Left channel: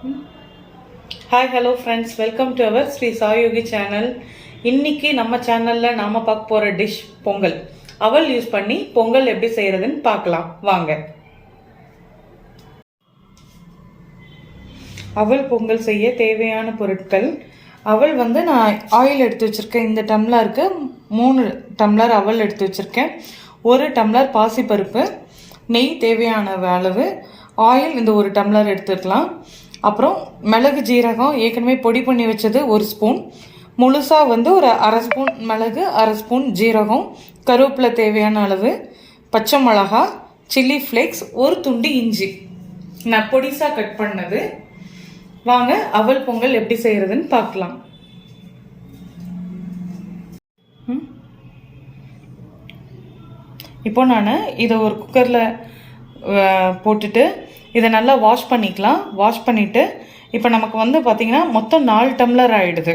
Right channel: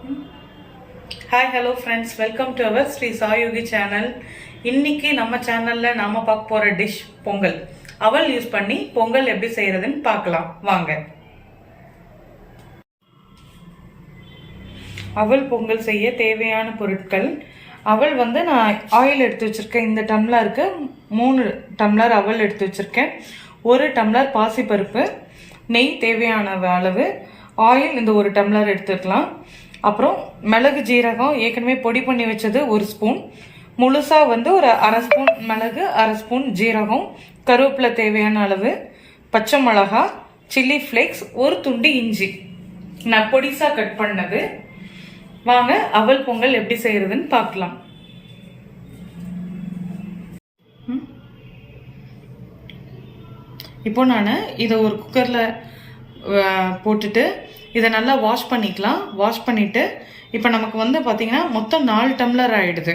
Hi hello friends, welcome to our Sri Sayogi channel. இன்னைக்கு நம்ம சேனலில் நாம் பார்க்க போகிற டிஷ் பொங்கல். அவல் யூஸ் பண்ணி பொங்கல் எப்படி செய்கிறதுன்னு பார்க்கலாம் வாங்க. அவல் பொங்கல் செய்ய தேவையான பொருட்கள். அவல் வந்து நான் ஆயில் எடுத்து வச்சுருக்கேன். இந்த டம்ளருக்கு 3 டம்ளர் அவல் எடுத்து வச்சுருக்கேன். 1 டம்ளர் பாசிப்பருப்பு, நெய் தேவையான அளவு, ஆயில் இந்த 1 டம்ளர் எடுத்துக்கலாம். அப்புறம் மிளகு ஜீரகம் ஏற்கனவே பொடி பண்ணி வச்சது 1 ஸ்பூன், முழுசாக வந்து ஒரு 1/2 ஸ்பூன் மிளகு, 1/2 ஸ்பூன் ஜீரகம், கருவேப்பிலை தேவையான அளவு, பச்சை மிளகா, சில்லி ஃப்ளேக்ஸ், 1 துண்டு இஞ்சி நான் பொடிசாக கட் பண்ணது. வாங்க அவல் பொங்கல் எப்படி செய்யறதுன்னு பார்க்கலாம். இப்போ நான் இதை ஒரு குக்கரில் போட்டுட்டு இதை நல்லா வாஷ் பண்ணிக்கலாம். வாஷ் பண்ணிவிட்டு இப்போ நமக்கு வந்து பார்த்திங்கன்னா மொத்தம் 4 டம்ளர் ஆகிடுது.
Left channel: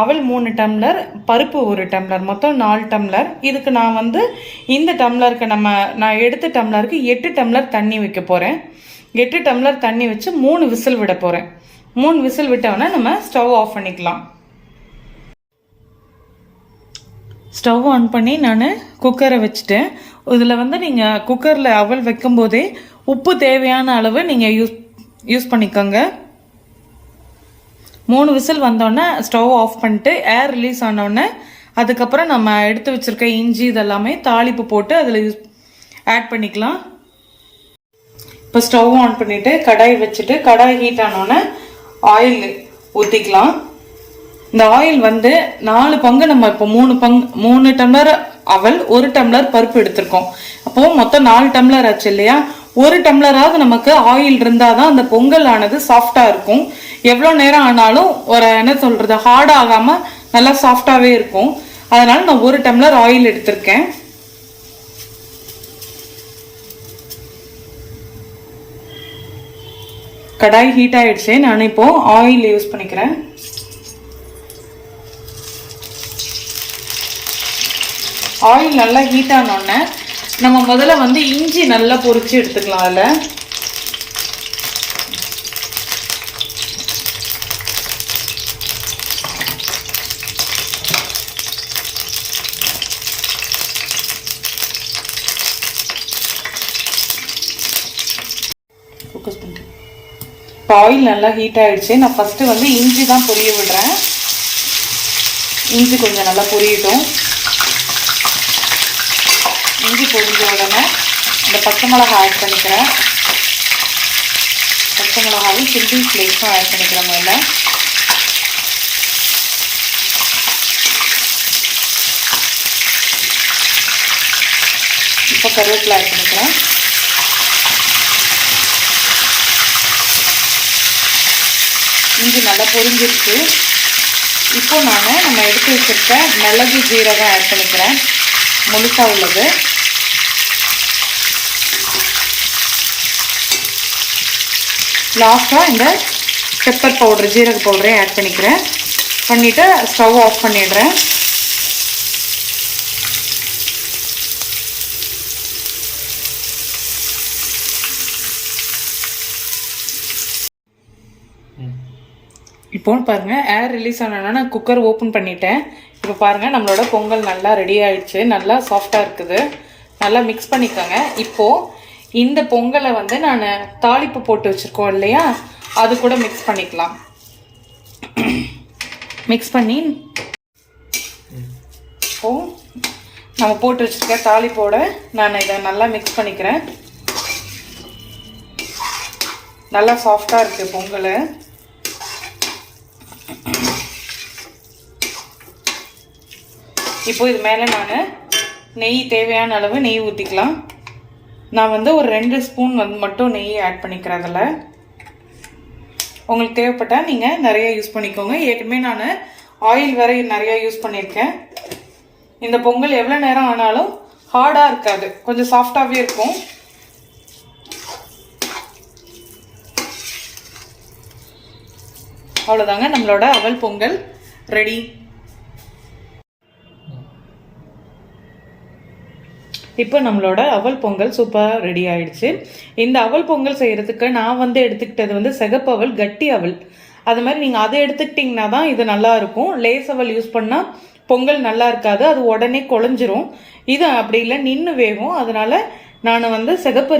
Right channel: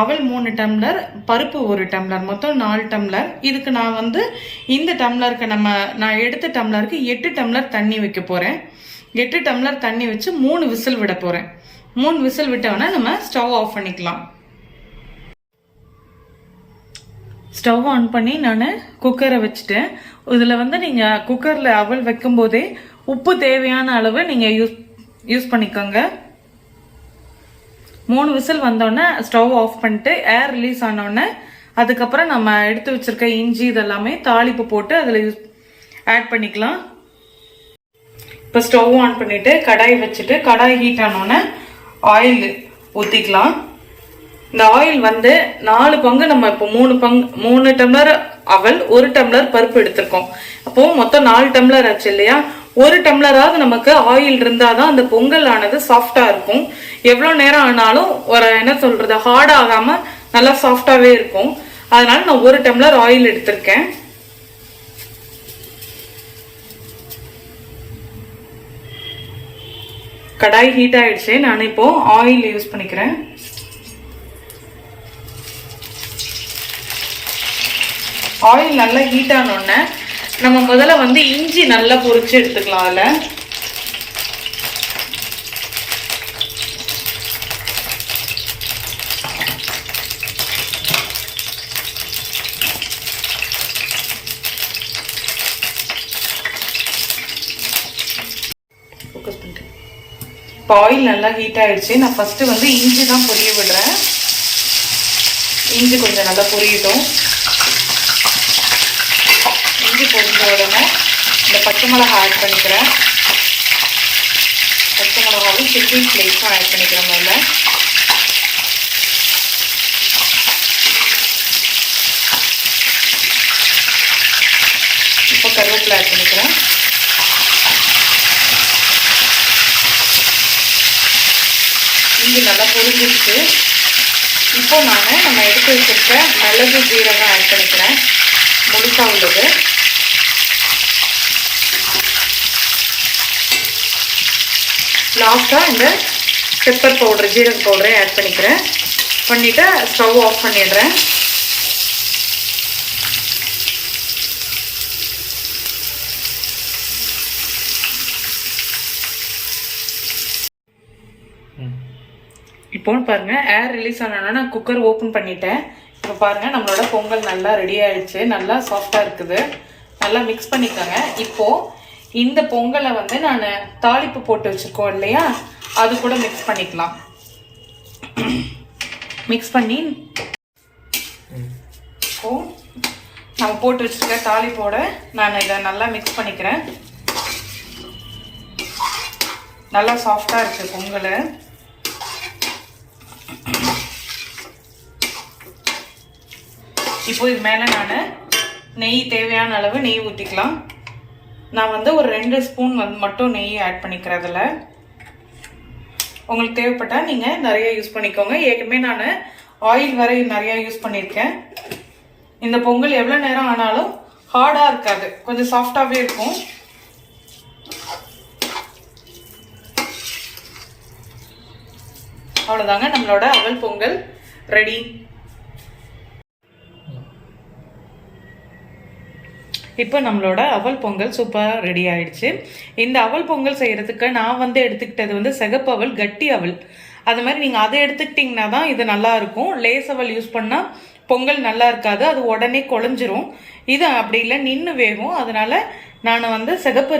அவல் 3 டம்ளர், பருப்பு 1 டம்ளர், மொத்தம் 4 டம்ளர். இதுக்கு நான் வந்து இந்த டம்ளருக்கு நான் எடுத்த டம்ளருக்கு 8 டம்ளர் தண்ணி வைக்க போகிறேன். 8 டம்ளர் தண்ணி வச்சு 3 விசில் விட போகிறேன். 3 விசில் விட்டோன்னா நம்ம ஸ்டவ் ஆஃப் பண்ணிக்கலாம். ஸ்டவ் ஆன் பண்ணி நான் குக்கரை வச்சுட்டேன். இதில் வந்து நீங்கள் குக்கரில் அவல் வைக்கும் போதே உப்பு தேவையான அளவு நீங்கள் யூஸ் பண்ணிக்கோங்க. 3 விசில் வந்தோடனே ஸ்டவ் ஆஃப் பண்ணிட்டு ஏர் ரிலீஸ் ஆனோடனே அதுக்கப்புறம் நம்ம எடுத்து வச்சிருக்க இஞ்சி இதெல்லாமே தாளிப்பு போட்டு அதில் ஆட் பண்ணிக்கலாம். இப்போ ஸ்டவ் ஆன் பண்ணிட்டு கடாய் வச்சுட்டு கடாய் ஹீட் ஆனோடனே ஆயில் ஊற்றிக்கலாம். இந்த ஆயில் வந்து 4 பங்கு, நம்ம இப்போ 3 டம்ளர் அவல், 1 டம்ளர் பருப்பு எடுத்திருக்கோம். அப்போ மொத்தம் 4 டம்ளர் ஆச்சு இல்லையா? 1 டம்ளராவது நமக்கு ஆயில் இருந்தாதான் அந்த பொங்கல் ஆனது சாஃப்டா இருக்கும். எவ்வளோ நேரம் ஆனாலும் ஹார்ட் ஆகாம நல்லா சாஃப்டாவே இருக்கும். அதனால நான் 1 டம்ளர் ஆயில் எடுத்திருக்கேன். கடாய் ஹீட் ஆயிடுச்சு. நான் இப்போ ஆயில் யூஸ் பண்ணிக்கிறேன். ஆயில் நல்லா ஹீட் ஆனோடனே நம்ம முதல்ல வந்து இஞ்சி நல்லா பொரிச்சு எடுத்துக்கலாம். அதில் ஃபோக்கஸ் பண்ணிட்டு இப்போ ஆயில் நல்லா ஹீட் ஆயிடுச்சு. நான் ஃபர்ஸ்ட் வந்து இஞ்சி தான் பொரிய விடுறேன். இஞ்சி கொஞ்சம் நல்லா பொரியட்டும். இஞ்சி பொரிஞ்ச உடனே இந்த பச்சை மிளகாய் ஆட் பண்ணிக்கிறேன். பச்சை மிளகாவும் சில்லி ஃப்ளேக்ஸும் ஆட் பண்ணிக்கிறேன். முதல்ல இப்போ கருவேப்பிலை ஆட் பண்ணிக்கிறேன். இஞ்சி நல்லா பொரிஞ்சிருச்சு. இப்போ நம்ம எடுத்து வச்சிருக்க மிளகு ஜீரகம் ஆட் பண்ணிக்கிறேன், முழுசா உள்ளது. லாஸ்டா இந்த பெப்பர் பவுடர், ஜீரக பவுடரை ஆட் பண்ணிக்கிறேன். பண்ணிட்டு ஸ்டவ் ஆஃப் பண்ணிடுறேன். இப்போ பாருங்க ஏர் ரிலீஸ் ஆனோன்னா நான் குக்கர் ஓப்பன் பண்ணிட்டேன். இப்போ பாருங்க நம்மளோட பொங்கல் நல்லா ரெடி ஆயிடுச்சு. நல்லா சாஃப்டா இருக்குது. நல்லா மிக்ஸ் பண்ணிக்கோங்க. இப்போ இந்த பொங்கலை வந்து நான் தாளிப்பு போட்டு வச்சிருக்கோம் இல்லையா, அது கூட மிக்ஸ் பண்ணிக்கலாம். மிக்ஸ் பண்ணி இப்போ நம்ம போட்டு வச்சிருக்க தாளிப்போட நான் இதை நல்லா மிக்ஸ் பண்ணிக்கிறேன். நல்லா சாஃப்டா இருக்கு பொங்கல். இப்போ இது மேலே நான் நெய் தேவையான அளவு நெய் ஊற்றிக்கலாம். நான் வந்து ஒரு 2 ஸ்பூன் மட்டும் நெய் ஆட் பண்ணிக்கிறேன். அதில் உங்களுக்கு தேவைப்பட்டால் நீங்கள் நிறைய யூஸ் பண்ணிக்கோங்க. ஏற்கனவே நான் ஆயில் வேற நிறைய யூஸ் பண்ணியிருக்கேன். இந்த பொங்கல் எவ்வளோ நேரம் ஆனாலும் ஹார்டாக இருக்காது, கொஞ்சம் சாஃப்டாகவே இருக்கும். அவ்வளோதாங்க, நம்மளோட அவல் பொங்கல் ரெடி. இப்போ நம்மளோட அவல் பொங்கல் சூப்பராக ரெடி ஆயிடுச்சு. இந்த அவல் பொங்கல் செய்யறதுக்கு நான் எடுத்துக்கிட்டது சிகப்பு அவல், கட்டி அவல். அது மாதிரி நீங்கள் அதை எடுத்துக்கிட்டிங்கன்னா தான் இது நல்லா இருக்கும். லேஸ் அவல் யூஸ் பண்ணால் பொங்கல் நல்லா இருக்காது, அது உடனே குழஞ்சிரும். இது அப்படி இல்லை, நின்று வேகும். அதனால நான் சிகப்பு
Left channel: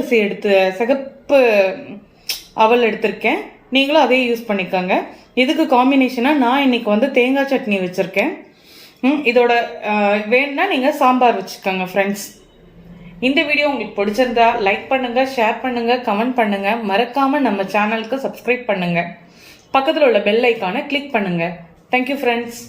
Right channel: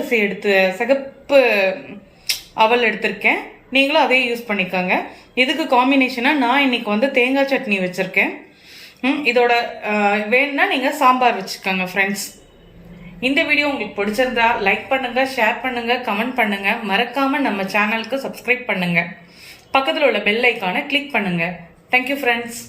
அவல் எடுத்திருக்கேன். நீங்களும் அதே யூஸ் பண்ணிக்கோங்க. இதுக்கு காம்பினேஷனாக நான் இன்னைக்கு தேங்காய் சட்னி வச்சுருக்கேன். இதோட வேணும்னா நீங்கள் சாம்பார் வச்சுக்கோங்க ஃப்ரெண்ட்ஸ். இந்த வீடியோ உங்களுக்கு பிடிச்சிருந்தா லைக் பண்ணுங்க, ஷேர் பண்ணுங்க, கமெண்ட் பண்ணுங்க. மறக்காம நம்ம சேனலுக்கு சப்ஸ்கிரைப் பண்ணுங்க. பக்கத்தில் உள்ள பெல் ஐக்கானை கிளிக் பண்ணுங்க. Thank you friends.